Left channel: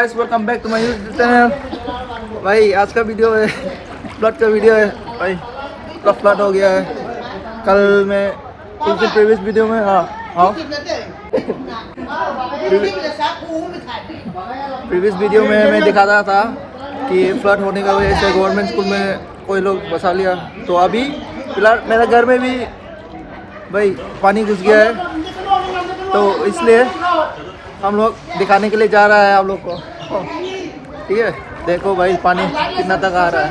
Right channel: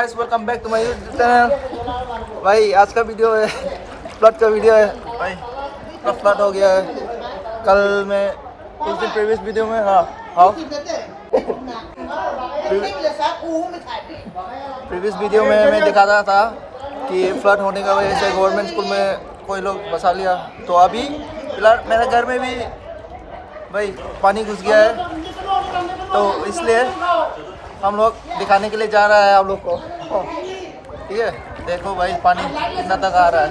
Guys, welcome back to my YouTube channel. भाई आज का वीडियो है फ्लड का वीडियो है भाई। पूरा फ्लड हो गया है। कल मैं कुछ दिन प्रीवियस वीडियो में प्रीवियस वीडियो में मैं दिखाता था कि फ्लड होने का वजह से गवर्नमेंट स्कूल में कोई लोग बसा लिया। तो अभी फिलहाल मेरे घर में भी भाई पानी घुस गया है, तो इसलिए हम लोग दिखाने के लिए जा रहा है आप लोग को। ठीक है, देखो भाई पानी कितना तक आ रहा है।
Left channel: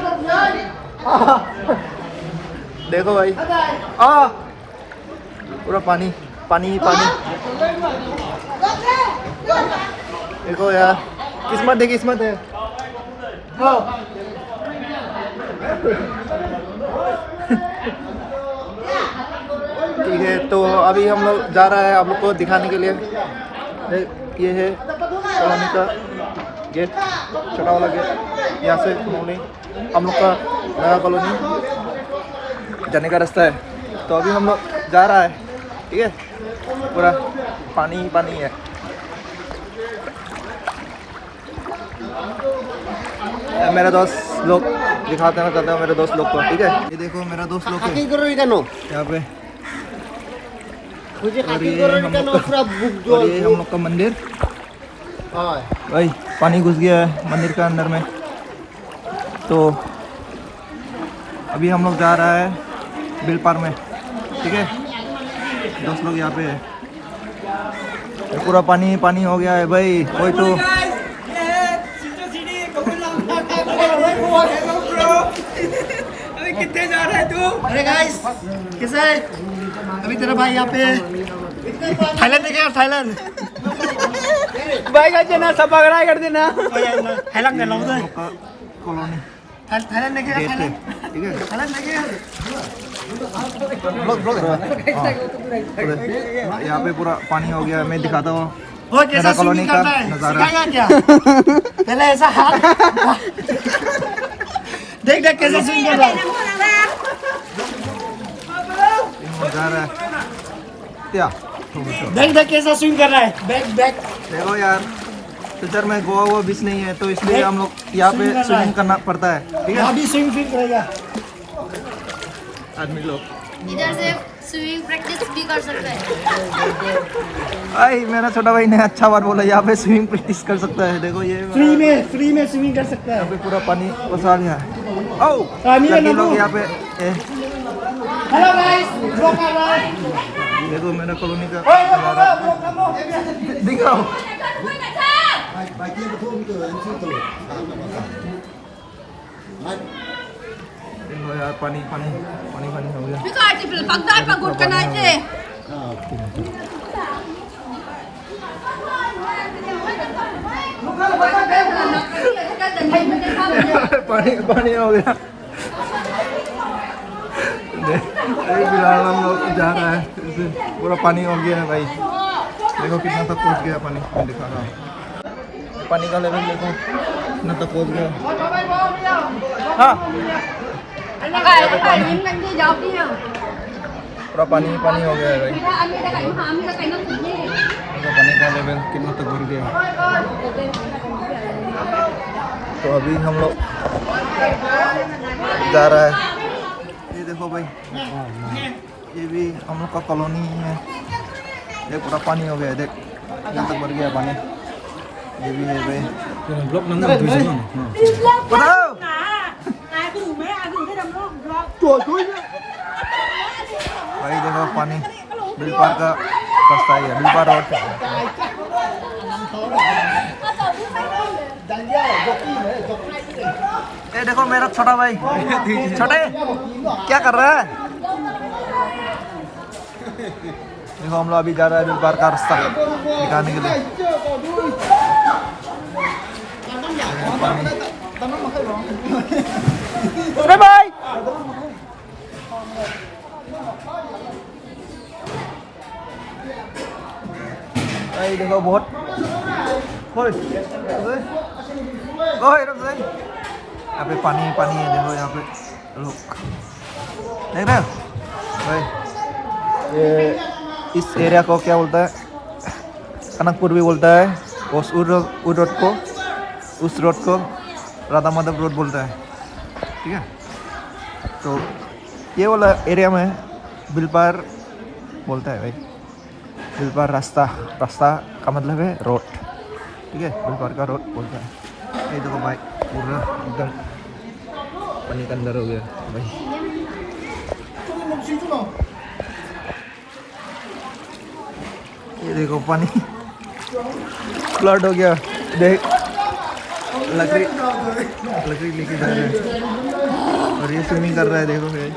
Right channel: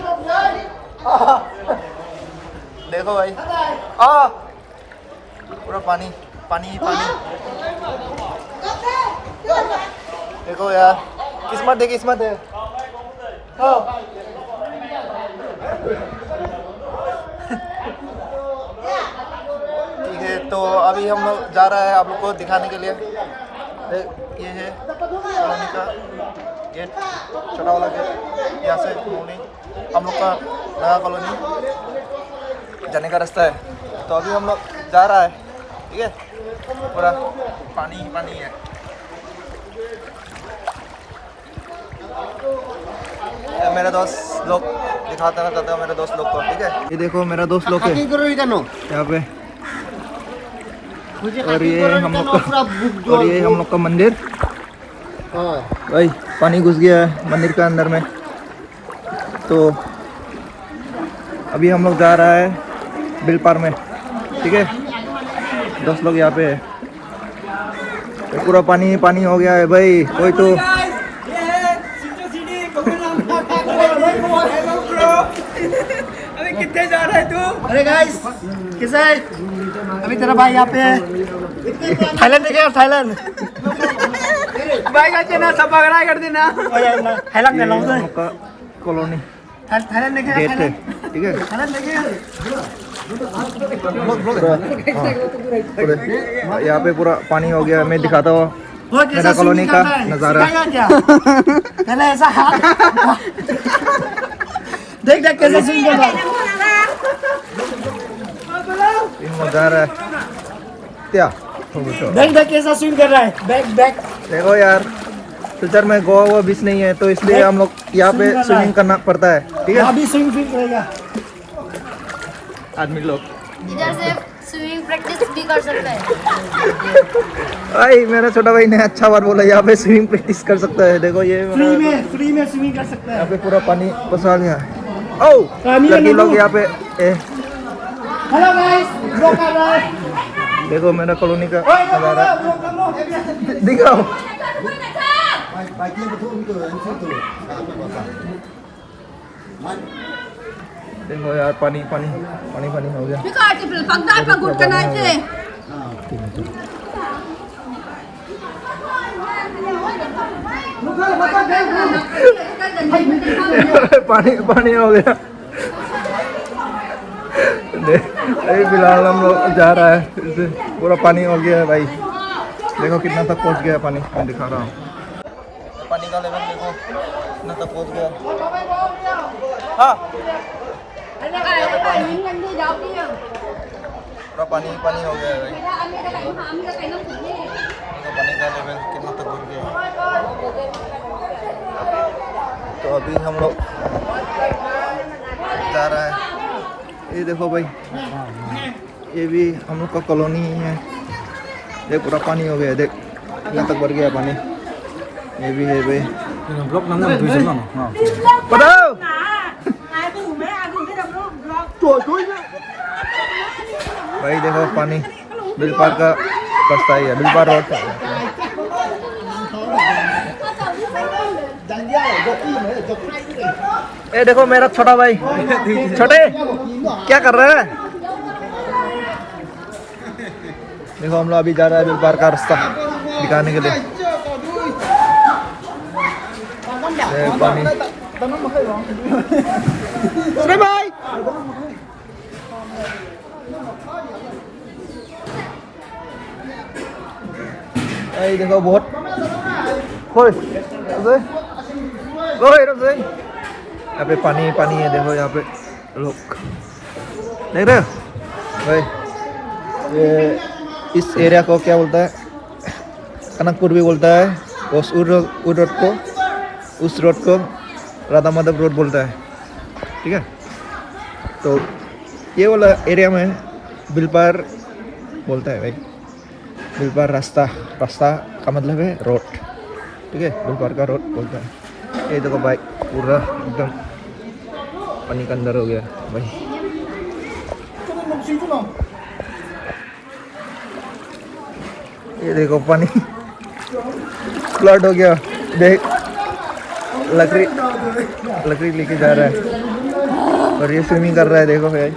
देखो भाई पूरा पानी पानी पानी। देखो यार, किस्मत है किस्मत है। ठीक है, तो अभी हम लोग जा रहा है आप लोग को दिखाने के लिए। ये है कॉलोनी का गेट, छोटा वाला गेट। यहाँ से हम लोग का नया कॉलोनी जाने का रास्ता है। तो अभी हम लोग जा रहा है। ठीक है, पूरा पानी ही पानी है। मेरे दोस्त लोग दिखाते हैं करते हैं मेरे दोस्त लोग को। ठीक है, ये देखो मेरा दोस्त लोग है यहाँ पे। और ये हम लोग का मंदिर। भाई पानी घुस गया है मंदिर के अंदर में। तो अभी हम लोग जा रहा है बिल पार में। ठीक है, दोस्त लोग यहाँ पे है। पूरा पानी पानी हो गया है भाई। कोई तो अभी कितने जा रहा है तू? अरे गाइस, कैसा है? अभी तेरा भाई यहाँ पे थाईलैंड देखेगा, थाईलैंड। भाई का चेना सब पकड़ा कर देना। थाईलैंड में लाऊं तो कॉलोनी थाईलैंड देखेगा, गेट है। थाईलैंड ठीक है, थाईलैंड देखेगा। यहाँ पे पूरा पानी हो गया। मैं दिखाता हूँ वो कैसा मेरा कॉलोनी का स्विमिंग करता है, नज़ारा। सिखाएगा क्या? पहले ऐसा हाथ देख देख कैसे स्विमिंग कर रहा है। जा रहा है क्या? देख देख कैसा स्विम कर रहा है। बैक बैक देखो यार, फ्यूचर में गोवा वो बीच नहीं है, तो इसलिए हम लोग यहाँ पे स्विमिंग करना पड़ता है। ठीक है, अभी स्विम फील करेगा आदमी लोग। इधर से स्विमिंग प्रैक्टिस भी कर सकता है। भाई मेरा छोटा भाई ने अच्छा बात बोला, यहाँ पे स्विमिंग प्रैक्टिस कर सकता है। देखो ये फ्री में स्विमिंग कर सकता यहाँ है। पे पूरा पानी फंसा लिया है। ओ पानी में लड़की लोग नमक। यहाँ पे हेलो गाइस, ब्लॉग कर रहा है। देखो मेरा कॉलोनी का नज़ारा दिखाओ। देखो यार, पानी पानी पानी पानी हो गया। पानी पानी हो गया। अभी फिलहाल हम लोग जा रहा है, इसे पूरा पानी हो गया है भाई। देखो कितना तक पहुंच गया पानी, मैं दिखा रहा हूँ। पानी का लेवल देखो कितना तक पहुंच गया। हाँ, यहाँ पे पानी पूरा पानी पानी हो गया है भाई। देखो पानी का लेवल कितना तक भर गया है। तो अभी हम लोग जा रहा है। ये देखो भाई, ये भी हम लोग का कॉलोनी है। देख पूरा पानी हो गया है, देख यहाँ तक भर गया पानी। ये भी है भाई। ब्लॉक नंबर बताओ। भाई देखो पानी बिल पार का रास्ता ही है, बिल पार रोड। ये देखो मेरा छोटा भाई। छोटे क्या कर रहा है? देखो हम लोग अभी जा रहा है बिल पार का रास्ता दिखाने के लिए। पानी भाई भाई देखो बहुत यहाँ पे पानी पानी है। देखो यहाँ पे लोग देख रहे हो भाई। ये इस एरिया को क्या बोलता है, कनकपुर भी बोलता है। उस रोड को उस रोड को राधा माधव रोड बोलता है, ठीक है। तो ये वाला एरिया में बिलपार बोलता है भाई, बिलपार रास्ता का मतलब है रोड, ठीक है, बिलपार का रोड बोलता है। ये देखो भाई पूरा एकदम पानी के अंदर हो गया भाई। ये देखो पानी फ्लड हो गया, देख लकड़ी लेके जा रहा है और ये स्विमिंग कर रहा है, देखो भाई।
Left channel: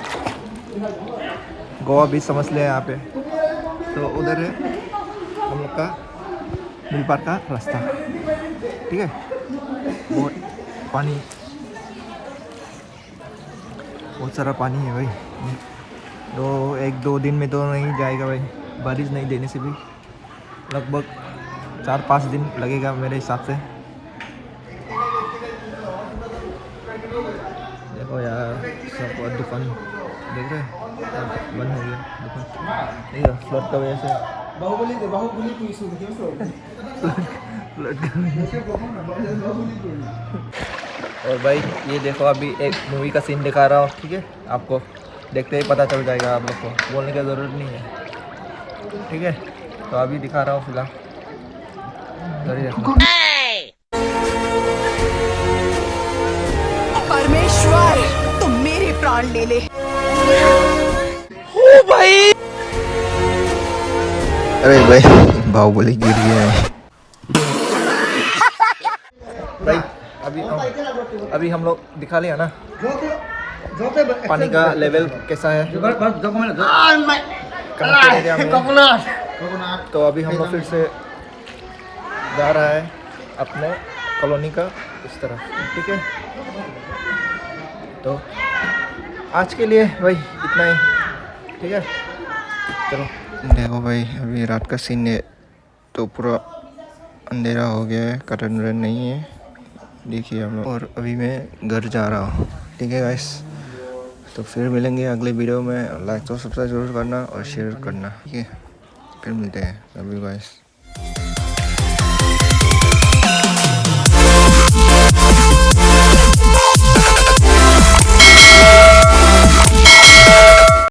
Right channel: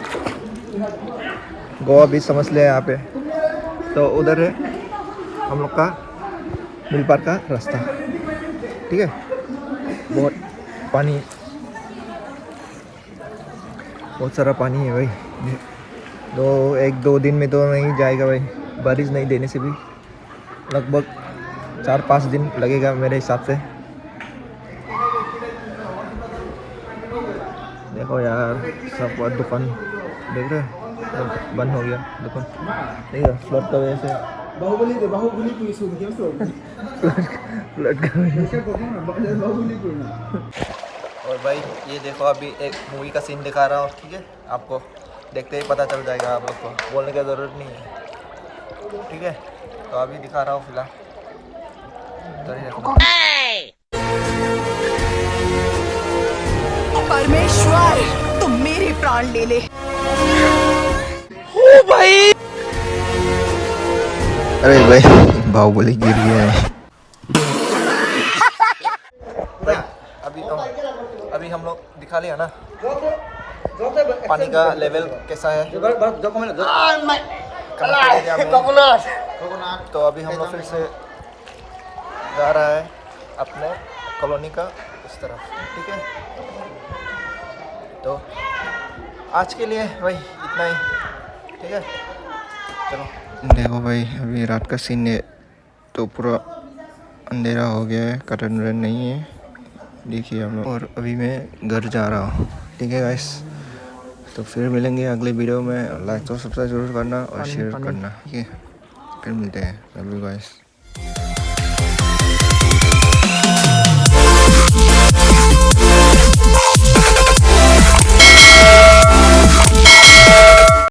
गोवा बीच समझ लिया यहाँ पे। तो उधर है हम लोग का बिलपार का रास्ता, ठीक है। बहुत पानी, बहुत सारा पानी है भाई। एक दो दिन में तो नहीं जाएगा भाई, बारिश नहीं देने से भी लगभग 4-5 दिन लगेगा मेरे हिसाब से। देखो यार सब दुकान देख रहे हैं, बंद हो गया दुकान, ठीक है, फ्लड की वजह से। और भाई ये देखो अभी एक मूवी का सीन दिखा रहा हूँ, ठीक है। आपको देखते ही पता चल जाएगा, आप लोग को बोलने की ज़रूरत नहीं है, ठीक है। तो अभी दिखा रहा हूँ फिलहाल, जरूर रखना। परमेश्वर तुम मेरे प्राण ले ले। ओ भाई, अरे भाई बाहुबली गिर गया है भाई। अभी हम लोग दिखा लिया ना पानी का लेवल कैसा है कनकपुर एरिया में। तो अभी हम लोग फिर से जा रहा है अपने कॉलोनी का इस तरफ, ठीक है। तो आज के लिए भाई इतना ही, ठीक है। चलो देखो भाई अभी रात का सीन है, तो पूरा अंधेरा हो गया है, कर्टन वर्टन नहीं है, देखिए हम लोग। और अभी मैं घर जा रहा हूँ, ठीक है गाइस। तो फिर मिलेंगे अगले वीडियो में। लाइक तो सब्सक्राइब जरूर करना और शेयर करना, ठीक है। फिर मिलते हैं, लव यू गाइस।